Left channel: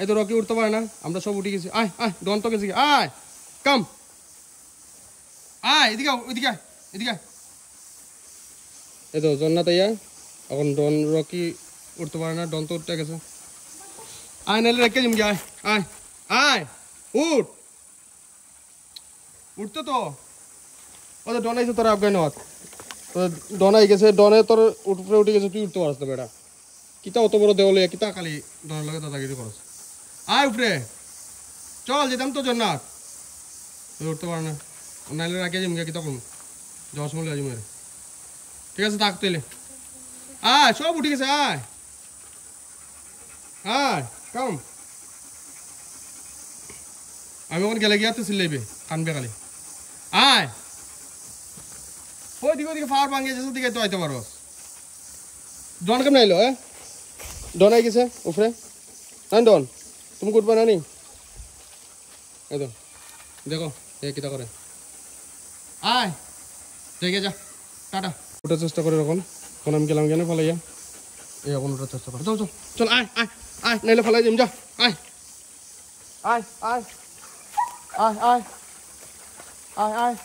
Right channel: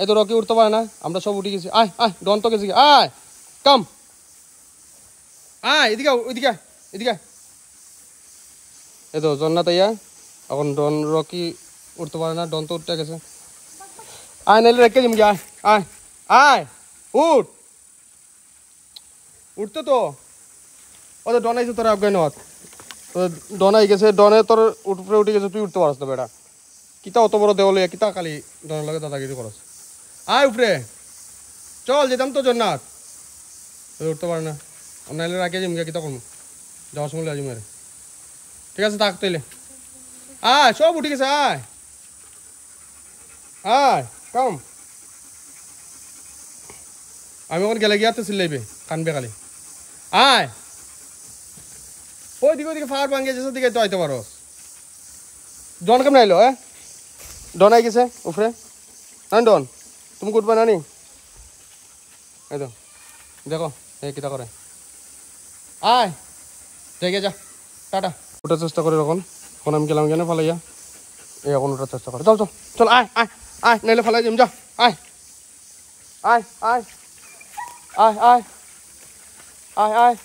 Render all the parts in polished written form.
এই তো রকি উঠতে পারে না, আমরা সব উঠে গেছি। আয় আয় ডন তো গেছি, আয় কাম আয় এদিকে ওইদিকে এদিকে। এই তো জন্নাত আইয়া, এখন ডন রকি উঠতে পারে না, ডন তো উঠতে গেছে। আয় নাইলে রেখে যাবি, আয় আয় আয় উঠ, উঠতে তো ও তো ডন আইছে তোর আফগানিস্তান, ডন আই গেছে, ডনে তোর উপরে উঠে গেছে, তুই উঠতে পারছ না বেটা। কিতা অত বড় দেওয়ালে কিতা খালি ডনের লাগে দাদাগিরি করস। আয় উপরে চল, যেতাম তো জন্নাত, উঠতে পারে না। নাইলে রাখিয়ে যাবি, কিতা করবো, যাওয়ার সময় লাজিম আরে। ঠিক আছে থাক তাইলে, আয় সব উঠে গেছে, আয় আয় কাম। আমি ওখানে গেলে গিয়ে তো চিল্লাইবে, কানবে খালি। আয় ওইদিকে ওইদিকে ফার ভাঙিয়ে যেসব দিকে তো আইতে পারো। ডন কেমন আইলো? ডন আই গেছে উপরে না? ডন তুমি উঠবে না নি? এই তো দেখো এই কিতা করে। আয় দেখে যা, টাটা। ওঠার চেষ্টা করে এখন, এখন আমি গেলাম কেন ফালাইয়া, এই এখন ওঠার চেষ্টা করে। চল চল চল, আয় আয় আয় নাইলে ফালাই যাম, যা আয় আয় আয় আয় আয় আয় আয়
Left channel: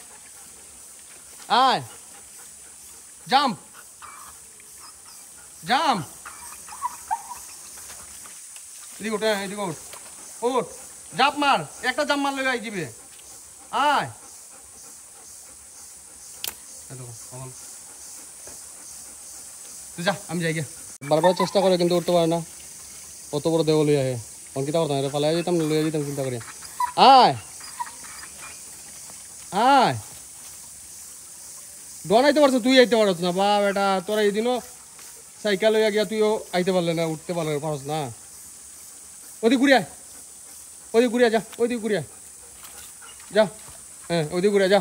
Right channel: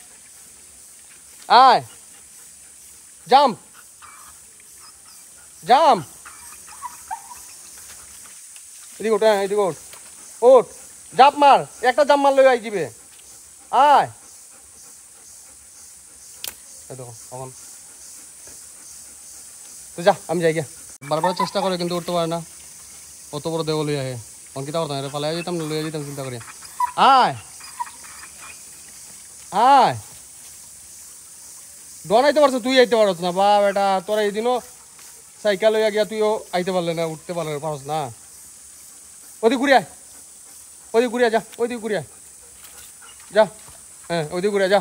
আয় জাম্প জাম্প, এদিকে ওঠ, হ্যাঁ এদিকে ওঠ, ওঠ জাম্প মার, একটা জাম্প মারলে আই দিবে। আয় এখন যা, আমি যাই গিয়া। বারবার চেষ্টা করে কিন্তু উঠতে পারে না, অত বড় দেওয়া লইয়া হে। অন কিতা করতাম, এটা পালাই যেতাম, লইয়া যেতাম চিন্তা করি। আয় আয় ডন আইতে পারছ, তুই আইতে পারছ না বা বেটা, তোরা এই দিনও সাইকেল লইয়া গিয়া তুইও আইতে পারলে না, উঠতে পারস না। ওদিকে ঘুরিয়া, ওদিকে ঘুরিয়া যা, ওইদিকে ঘুরিয়া যা, হ্যাঁ ওদিকে ঘুরিয়া যা,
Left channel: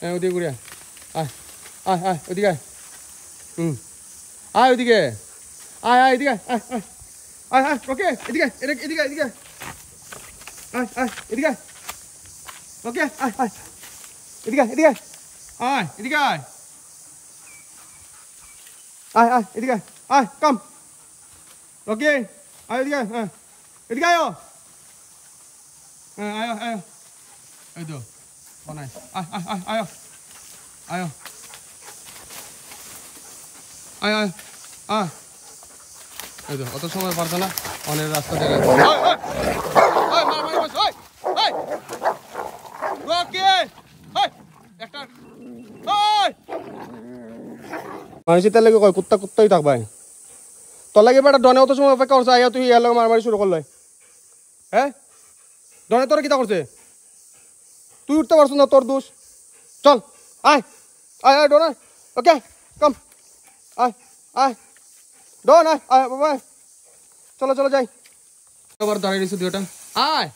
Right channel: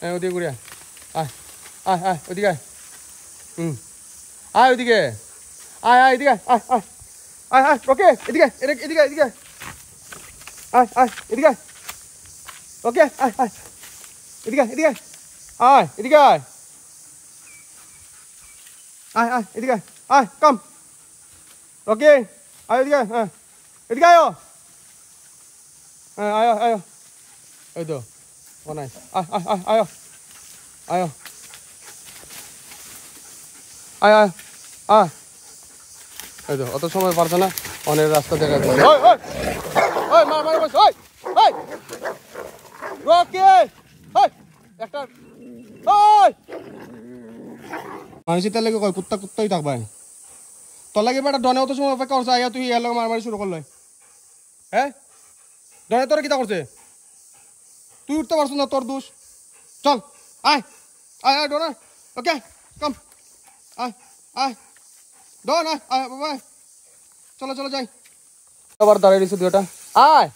হ্যাঁ ওদিকে ঘুরিয়া আয় আয় আয় ওদিকে আয়, আয় ওদিকে আয়, আয় এদিকে আয় আয় আয় আয় ওকে এদিকে এদিকে এদিকে আয় আয় এদিকে ওকে আয় আয় এদিকে এদিকে আয় এদিকে আয় আয় আয় এদিকে আয় কাম ওকে আয় এদিকে, হ্যাঁ এদিকে আয়, হ্যাঁ আয় আয় এই তো বানাই, আয় আয় আয় আয় আয় আয় আয় আয়, এই তো অত সময় পারছে না, অনেক রাস্তা দেখা মানুষের তার লাগে কয় কুত্তা কুত্তাই থাকবাই, তোর লাগে বেটা ডনে অত সময় অপেক্ষা করছে, আইয়া তুই ইয়ার লগে মারামারি শুরু করলে। হ্যাঁ ডনে তোরা কিতা করছে, তুই উঠতে পারছ না, তোর দোষ। চল আয় আয় আয় ডন, ওকে কাম আয় আয় ডন আয় আয় বাবা, চলো চলো যাই। আবার দাঁড়াই দিয়েছে দুটা, আয়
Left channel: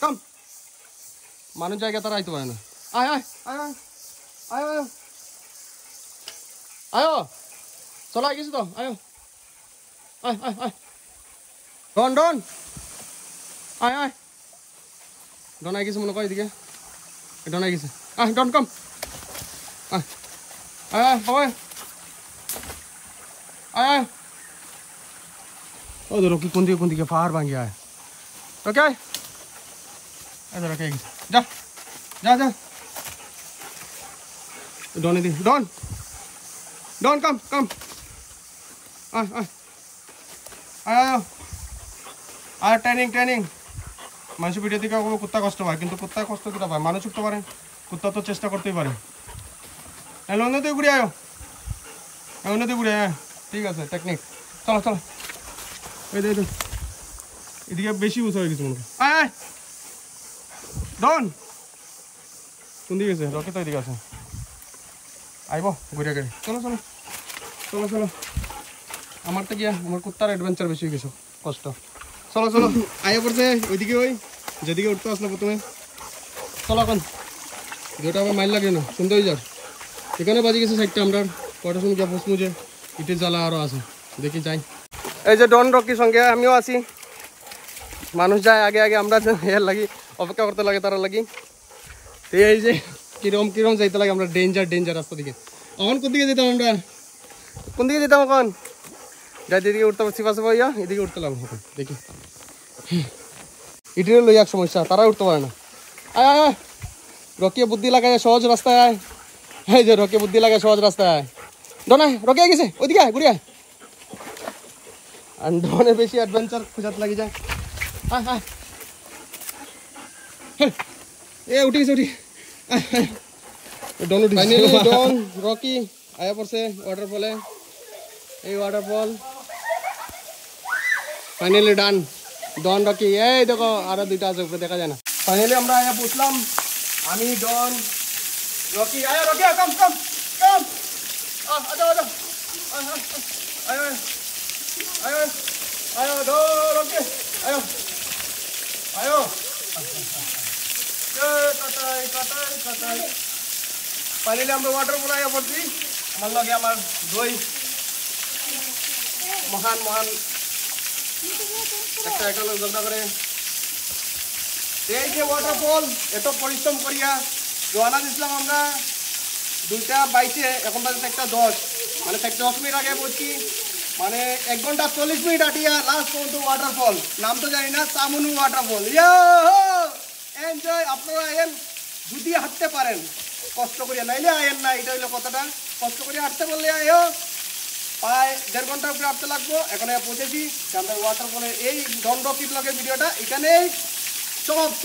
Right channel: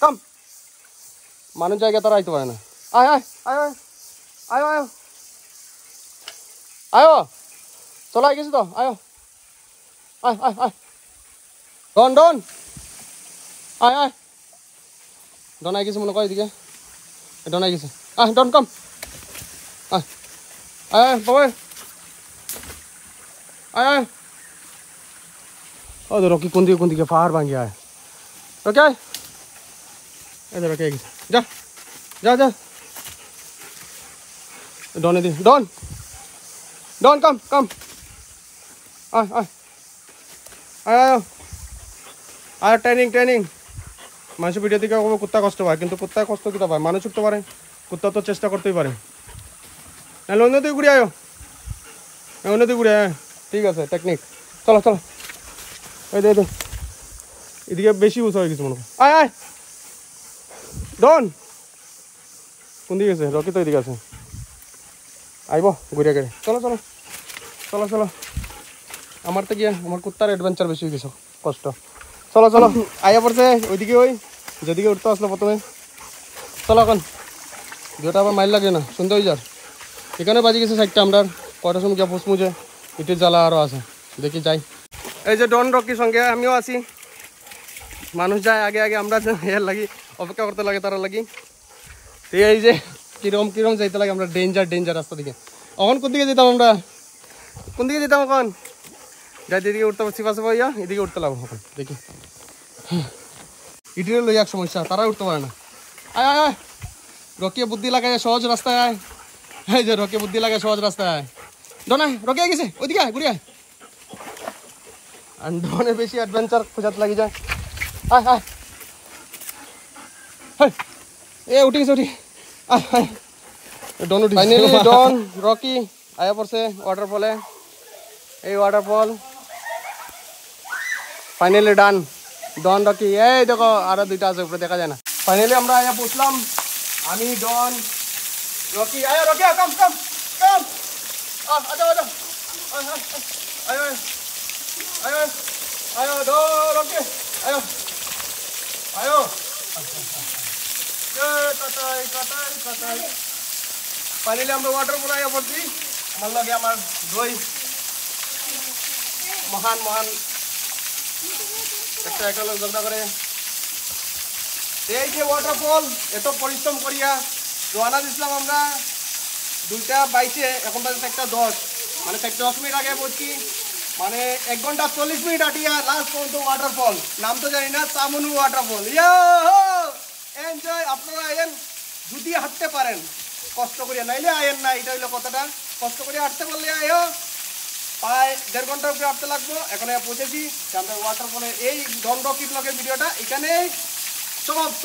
কাম, মানুষ জায়গায় তারা আইতে পারে না। আয় আয় আয় আয় আয় আয় চলো আই গেছি তো, আয় আয় আয় আয় ডন ডন আয় আয় ডন আই গেছে মনে কয়, এদিকে ডন আই গেছে, আয় ডন কাম আয় আয় বাবা আয় আয়। ও রকি কোন দিকে পাহাড় ভাঙি আয়, ওকে আয় এদের কে গেছে, যা যা যা ডনে দি, ডন ডন কাম কাম আয় আয় আয় আর ট্রেনিং ট্রেনিং। মানুষের ভিডিও থেকে কুত্তা কষ্ট পায়, কিন্তু কুত্তায় কষ্ট কিটা পায়, মানুষ উঠতে পারে, কুত্তা তো চেষ্টা করতেই পারে। তাহলে অন্য দিকে ঘুরে আয়, অন্য দিকে ঘুরে আয়, ঠিক আছে টেকনিক। চলো চলো এই দে এদিকে বেশি উঁচা হয়ে গেছে মনে হয়। আয় আয় ডন কোন দিকে আছে, রকি তো এদিকে আছে, আইব ঘুরে গেলে। চলো চলো চলো চলো, আমার তো গিয়ে আমার কুত্তার অ্যাডভেঞ্চার বেশি হয়ে গেছে, কষ্ট। চলো চলো আইয়া পড়ছে ওইদিকে, ওই যেদিকে উঠতে আসলো প্রথমে। চলো এখন যেটা আবার মাইল লাগে না, সুন্দর হয়ে যার। এখানে বাজি গেছে সাইডটা, আমরা কটার সময় যা পৌঁছমুছে, ইটের জ্বালা আরও আছে, দেখি যাই। এই যে ডন রকির সঙ্গে আমিও আছি, মানুষ যায় আগে আগে, আমরা এর লাগি অপেক্ষা করতে লাগে তারা লাগি। এই যে কিরম কিরম যাইতে লাগে, আমরা ডেঞ্জার ডেঞ্জার রাস্তা দিকে। এখন কোন দিকে যেতাম, আমরা কোন দিকে যেতাম এখন, যাই এদিকে উঠতে পারছি পাশে ভাইয়া, এদিকে উঠতে লাগবো এখন দেখি। ইটিরে লই এক সমস্যা, তারা উঠতে পারে না। আয় আয় আয়, রকিয়ে বুদ্ধি লাগায় সহজ রাস্তায় আয়। এই যে রকিয়ে বুদ্ধি লাগায় সহজ রাস্তায় আয়। ডন আয়, রকি গেছে ওইদিকে আয়, ঘুরে আয়। আর ডনে বেশি অ্যাডভেঞ্চার খুঁজাত লাগি যায়। আয় আয়, এ উঠি গেছে, উঠি আয় আয়। ডন উঠি, ফাইনালি ডন রকি আয়া পড়ছে ওয়াটারফলে। এই ওয়াটারফল ফাইনালি ডান। ডন রকি, এই দেখো আরো দুইটা আছে উপরে, দেখা যায় না। ফাইনালি আমরা আয়া পৌঁছলাম, আমি ডন রকি। আয় রকি, কাম কাম কাম, আজা আজা, আয় আয় আয় আয় ডো রকি, আয় আয়, কাটাই কাটাই কাটাই। ফাইনালি আমরা ওয়াটারফল আয়া পড়ছি। আমার লাগে আমার দুই মহান মহান একটা একটা লোক ঝগড়া করে। এই যে ওয়াটারফল, এত পরিশ্রম করিয়া রওনা দিছিলাম আমরা 2:22, এখন বাজে 1:10, মানে 10 মিনিট আগে পড়ছি। মানে 1 ঘন্টা 40 মিনিট আটিয়া লাস্ট পর্যন্ত ওয়াটারফল, নাম তো জানি না, চামুনু ওয়াটারফল। এনজয়। আপনারা আয়েন যদি হাঁটতে পারেন, কষ্ট করিয়া, নাইলে আয়েন না। এটা হইলো কথাটা, কষ্ট করিয়া হাঁটতে পারলে আয়ো। প্রায় 1.5 ঘন্টার উপরে হাঁটতে লাগবো। এখন পৌঁছেছি আমরা ওয়াটারফলে। এই ডন রকি ব্লগের ভিডিওটা এখানেই সমাপ্ত।